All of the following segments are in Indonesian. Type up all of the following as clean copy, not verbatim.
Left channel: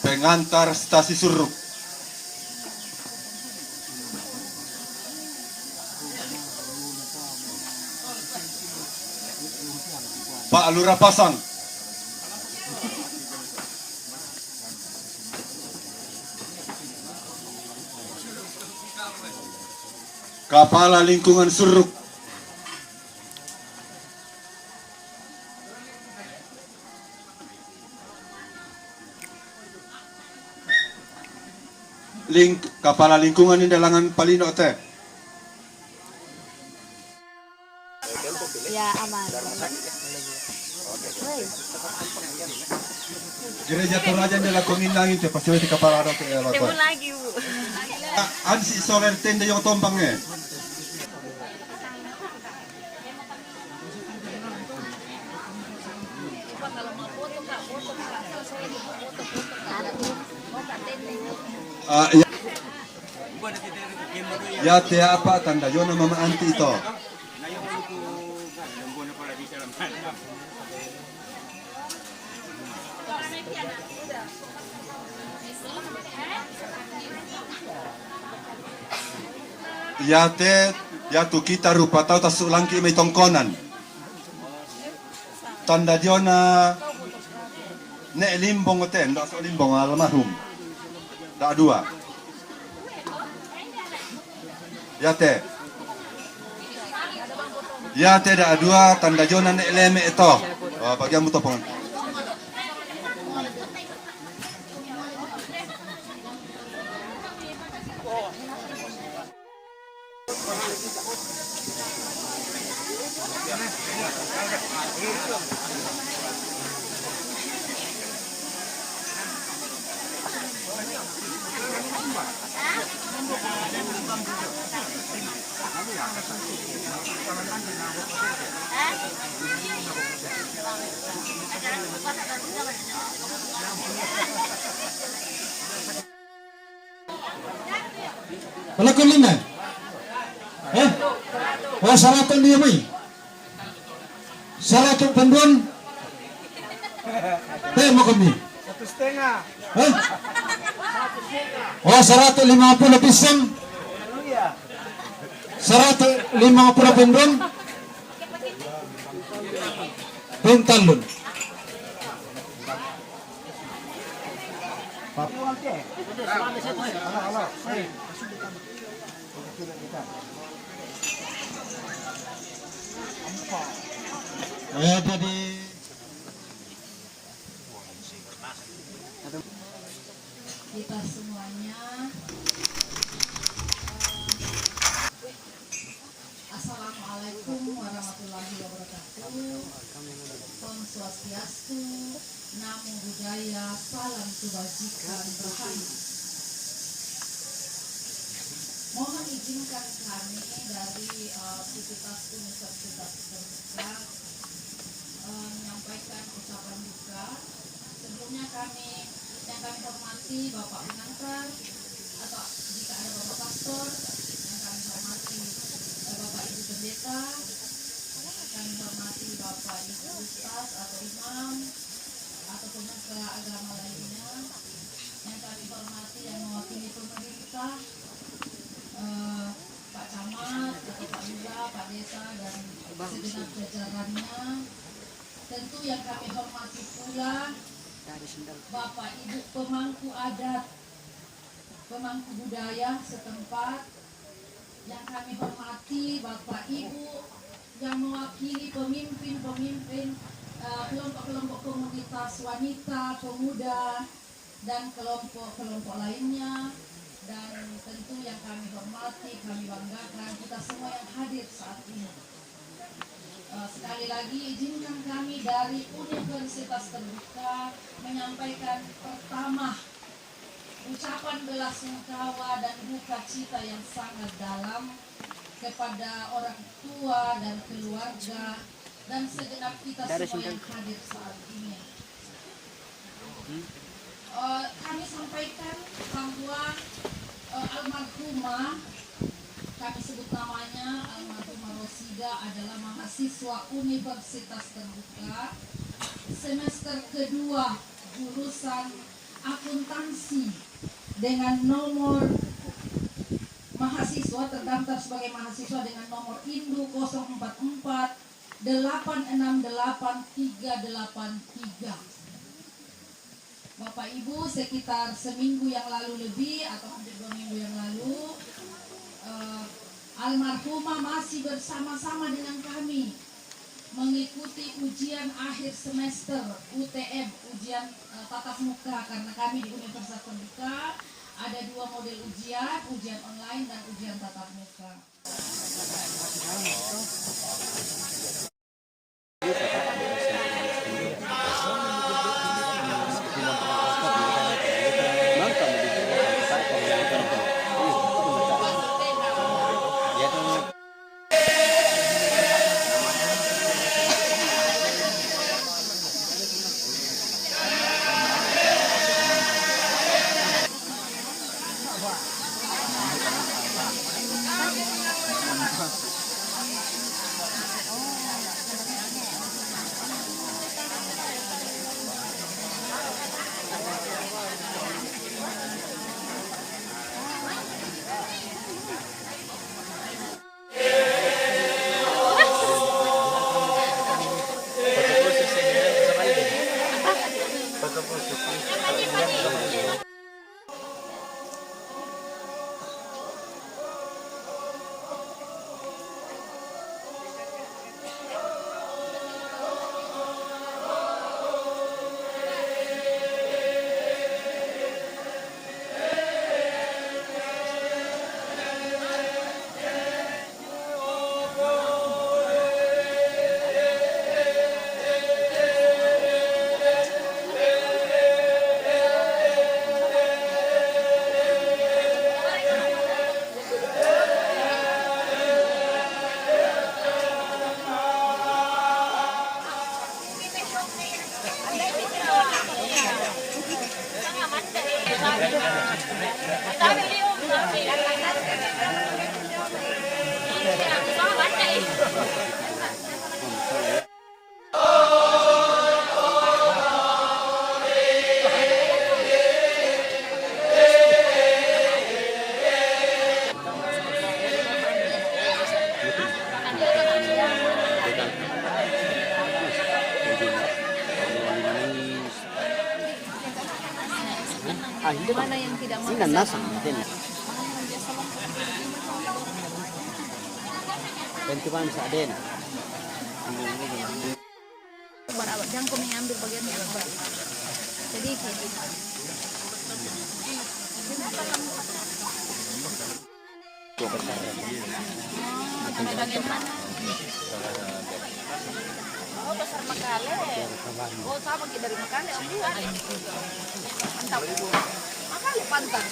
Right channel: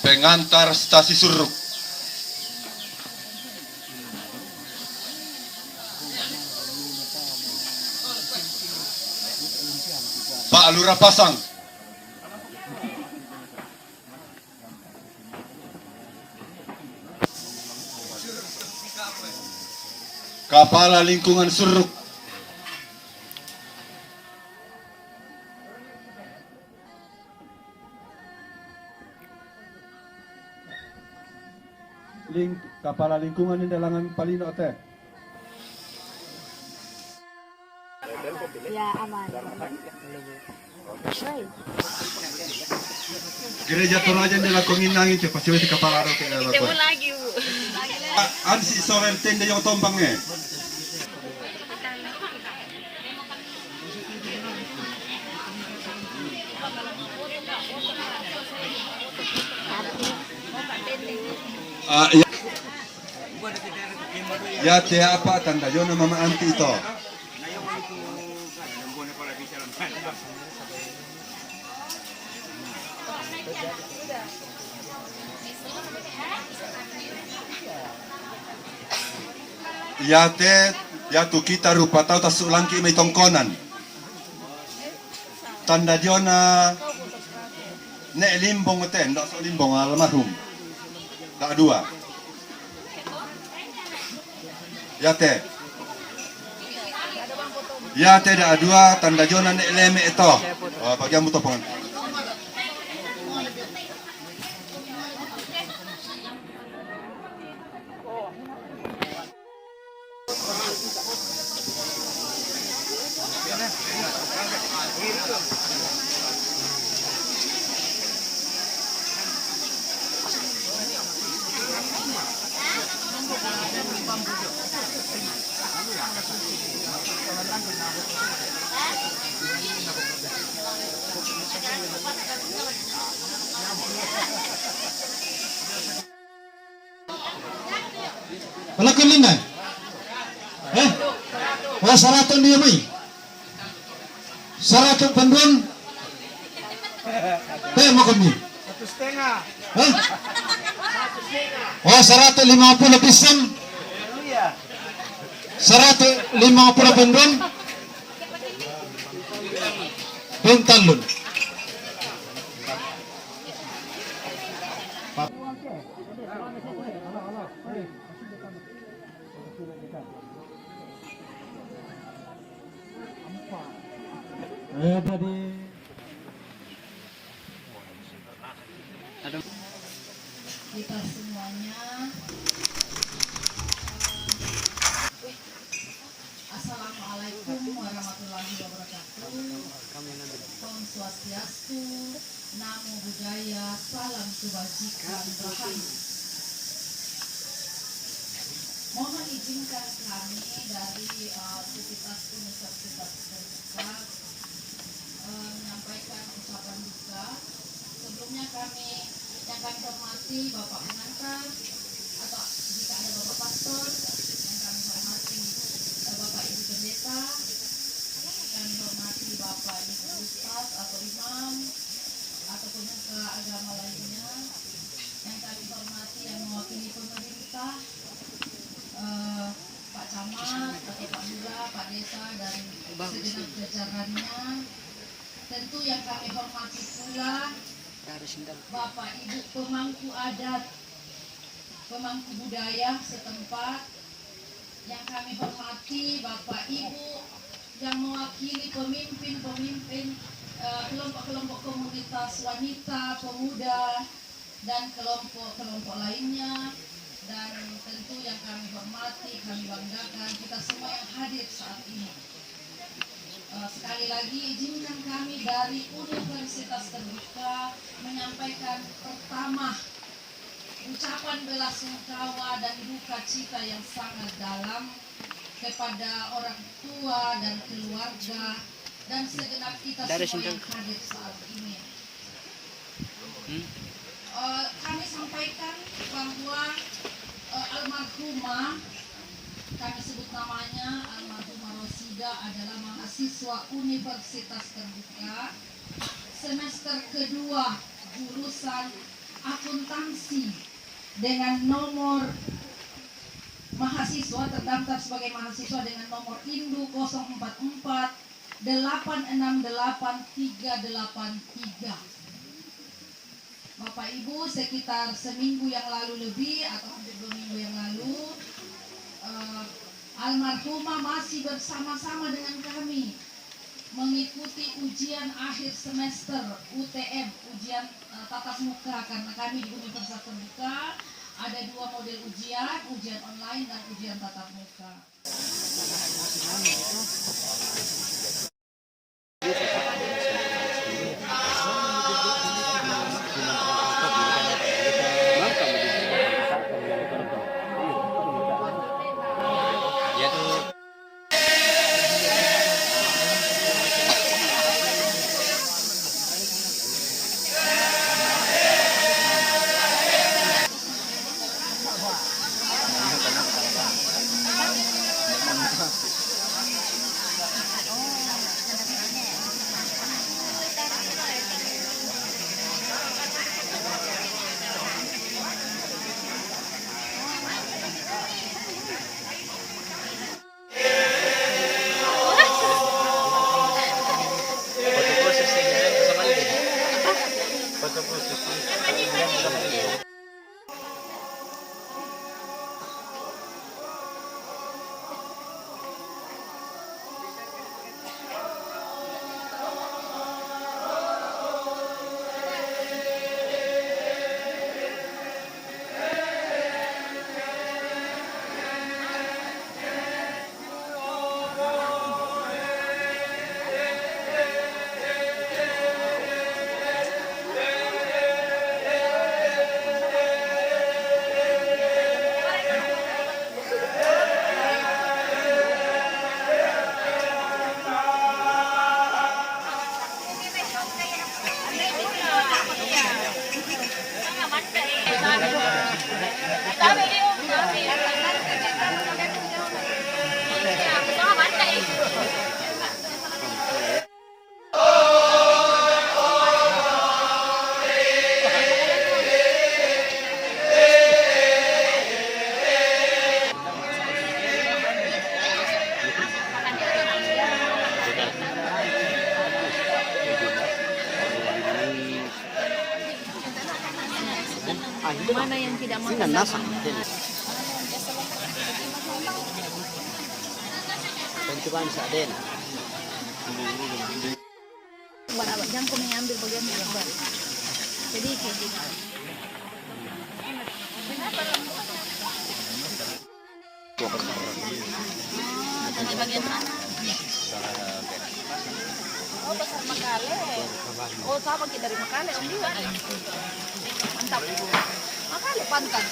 Pengantar Stasi Suruk. Pak Lurah Pasang. Kepala Lingkungan Suruk. Kepala Lingkungan ini Dalangan Palino teh. Ya aman. Gereja Toraja yang dilakongin lagi ke pasti di kepala ada ke Tunggu lagi bu. Ansi sorer tenda yang tombangnya. Ya teh apa tanda Yona mama anti itu. Ya teh ya tu kita rupa tahu tas ulangki may tongkonan. Tanda Yona ne limbong teh ndak so limbong almarhum. Tak dua. Ya teh dak dua tanda Yona ne leme itu. Bagi amu topong. Pelakon lina. Wah saraton dia mai. Saraton panduan. Mau kami. 1,5. Wah 150 pisang. 150 panduan. Pentalun. Jadi Swastiastu, Namo Buddhaya, Salam Kebajikan Rahayu. Mohon izinkan kami dari Sivitas Universitas Terbuka menyampaikan ucapan duka. Sebelumnya kami hormati Bapak pengantar atau jika ada Bapak pastor, yang kami hormati Bapak Ibu pendeta, kami hormati Bapak Ibu ustaz atau imam atau pemuka agama lainnya, yang kami hormati yang mewakili pemerintah, Pak Camat atau Pak Lurah, Pak Desa dan segenap jajarannya. Tentu yang kami hormati pula Bapak Ibu pemangku adat, pemangku budaya setempat, yang kami hormati Bapak Ibu yang mewakili pemimpin-pemimpin kelompok-kelompok komunitas wanita, pemuda, dan kelompok-kelompok lainnya. Dan tentu yang kami hormati, kami banggakan kita semua yang hadir saat ini. Sekali lagi izinkan kami dari Universitas Terbuka menyampaikan pertama ucapan belasungkawa dan duka cita yang sangat dalam kepada orang tua dan keluarga dan segenap kita semua yang hadir saat ini. Kami sampaikan bahwa almarhumah, kami sebut namanya almarhumah Rosida, adalah mahasiswa Universitas Terbuka semester kedua jurusan akuntansi dengan nomor mahasiswa terdaftar sebagai mahasiswa dengan nomor Indu 044 868 383. Bapak Ibu, sekitar seminggu yang lalu lebih atau hampir 2 minggu yang lalu, almarhumah masih bersama-sama dengan kami mengikuti ujian akhir semester UTM, ujian tatap muka, karena kami di Universitas Terbuka ada 2 model ujian online dan ujian tatap muka. Mana yang tidak mau? Bantuan Saden. Jangan kau mengambil bagian itu. Jadi kayak bagian mana? Oh, pasar Makale. Oh, sama kita dari Makale. Oh, lihat. Mantap. Makale pantang.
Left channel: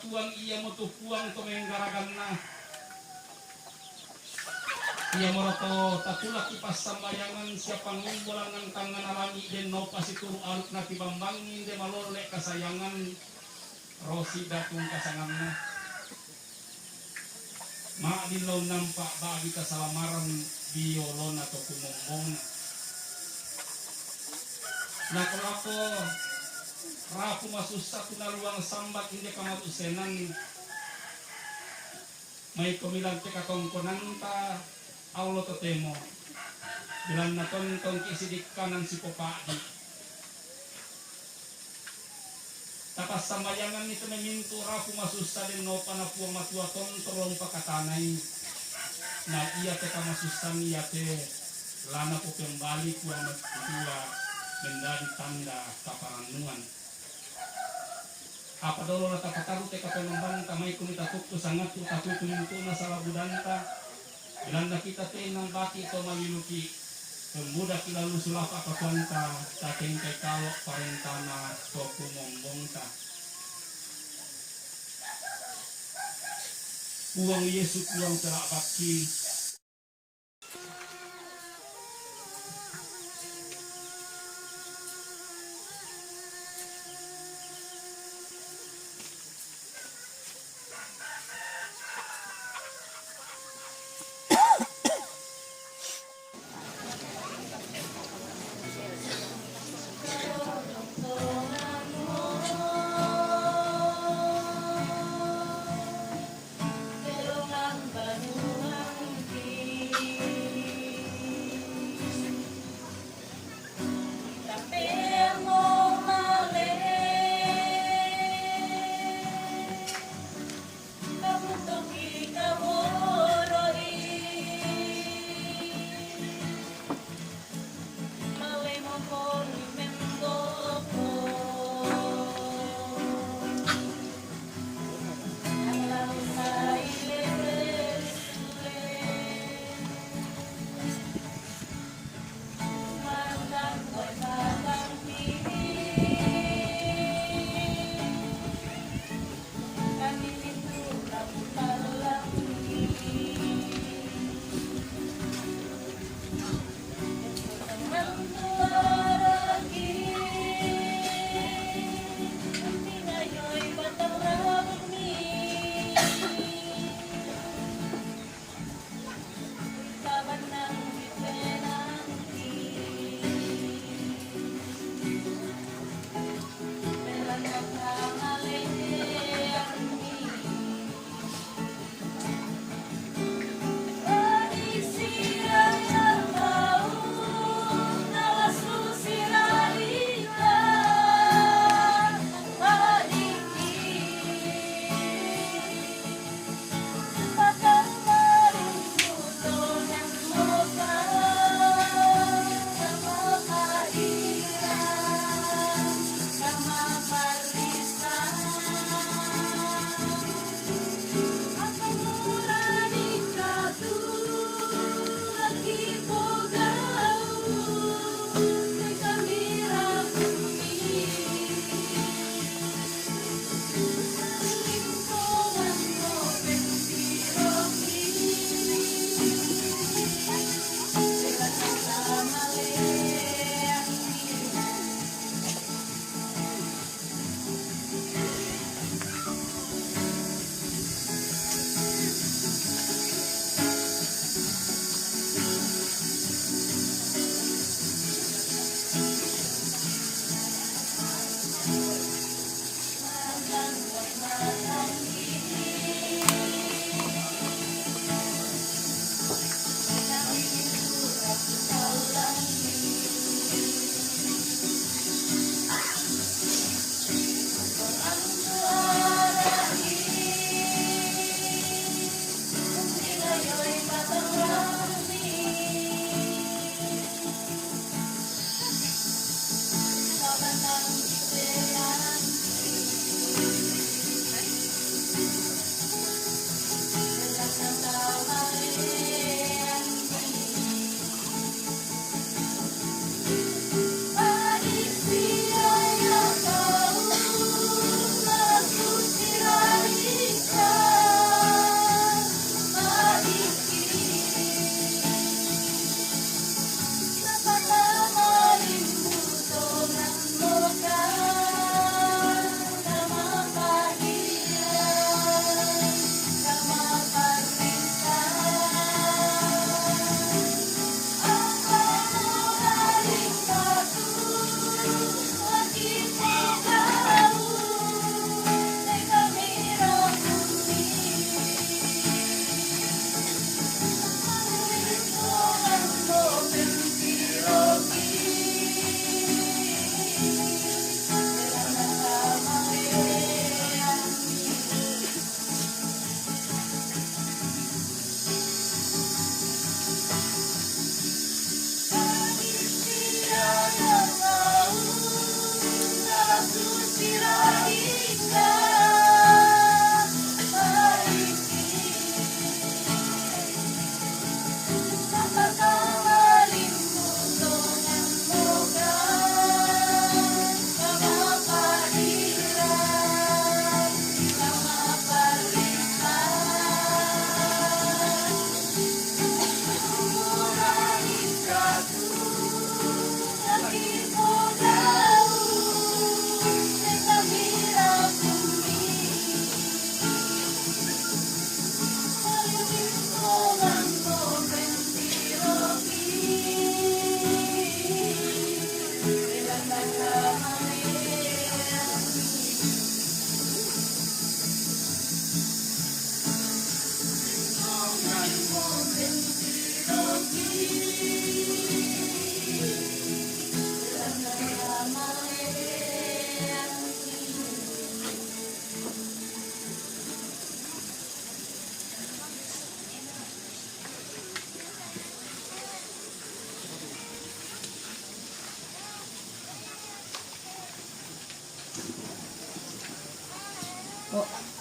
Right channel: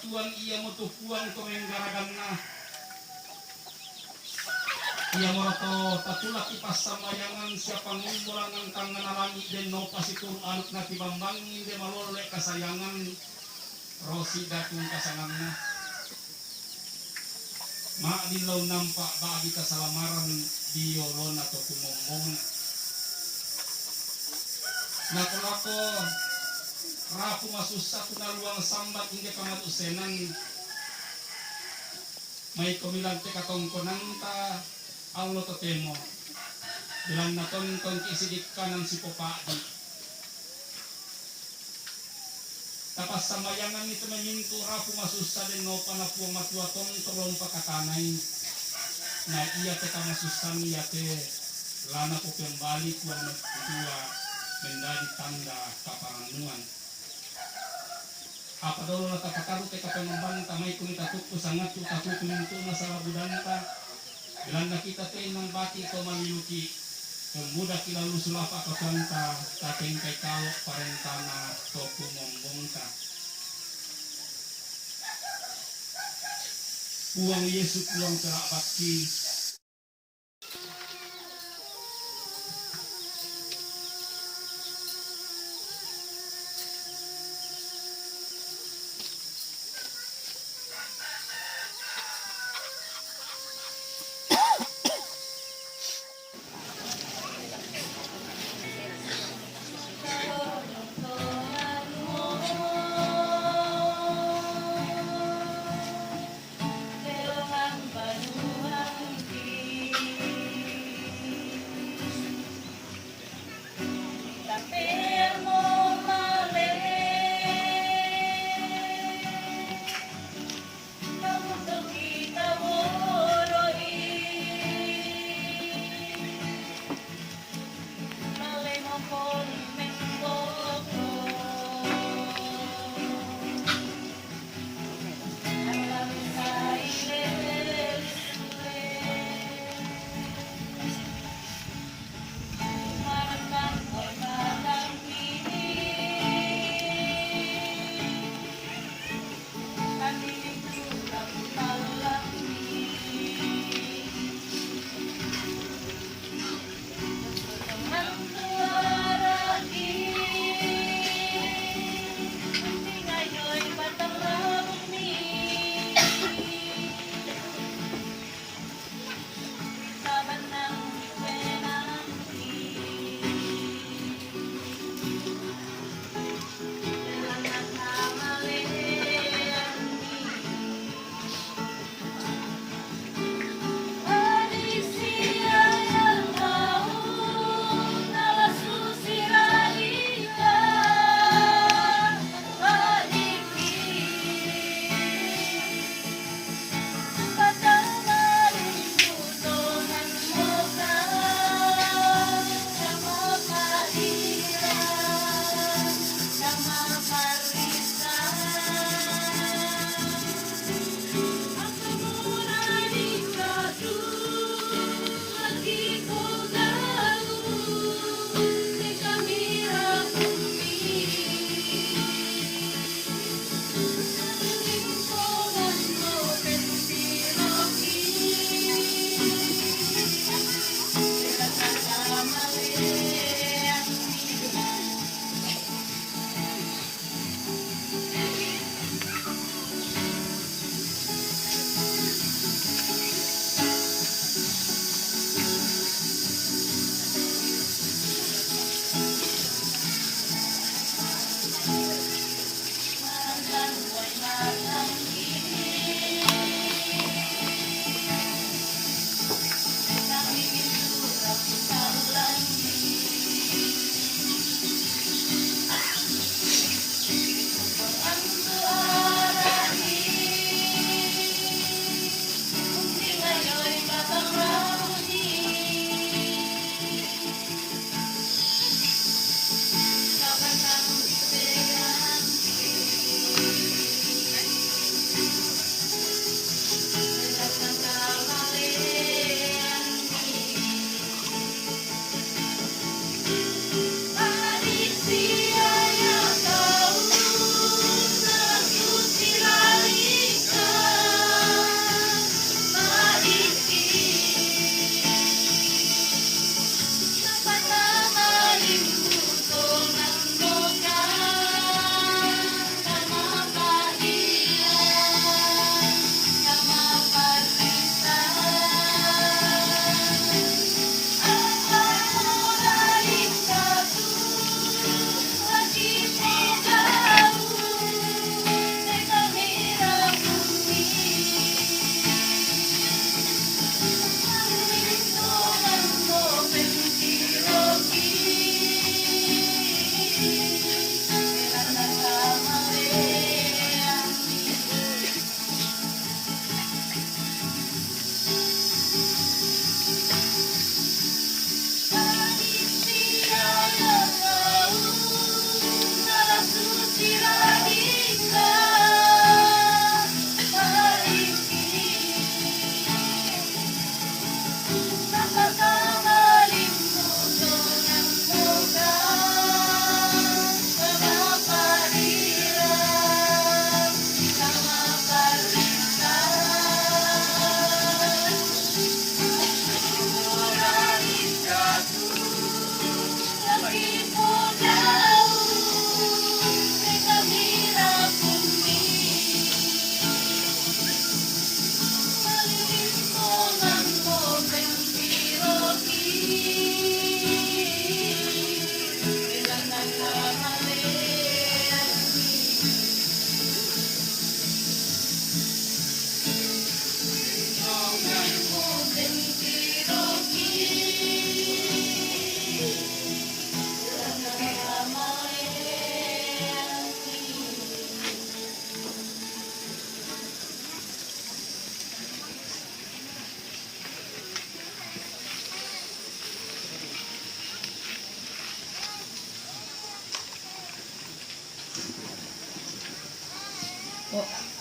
Tuang iya mo to puang to menggaragan na. Iya mo to tatulak ipas samayangan siapa ngumbulangan tangan alami den no pasitur aluk na kibambangin de malole kasayangan rosi datung kasanganna. Maadilaw nampak bagi kasalamaran biolon atau kumombong. Nakolako rapu masuk satu naluang sambat hingga kamatu senan may kumilang teka tongkonanta Allah totemo bilang na tontong kisidik kanan si popadi tapas samayangan itu memintu rapu masuk sa den no panapuang matua tontolong pakatanay na iya teka masusan iya te lana po kembali puang matua menjadi tanda kaparanungan. Apa dulu lah takakaru teka penomban tamay kuni takut ko sangat tu takut kunintu na sa labudanta bilang na kita te nang baki ko mamiluki kemudah kilalu sulapa kapanta tateng kay kalok parentana to kumombongta uang Yesus uang terak bakti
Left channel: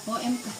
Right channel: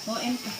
OM ka.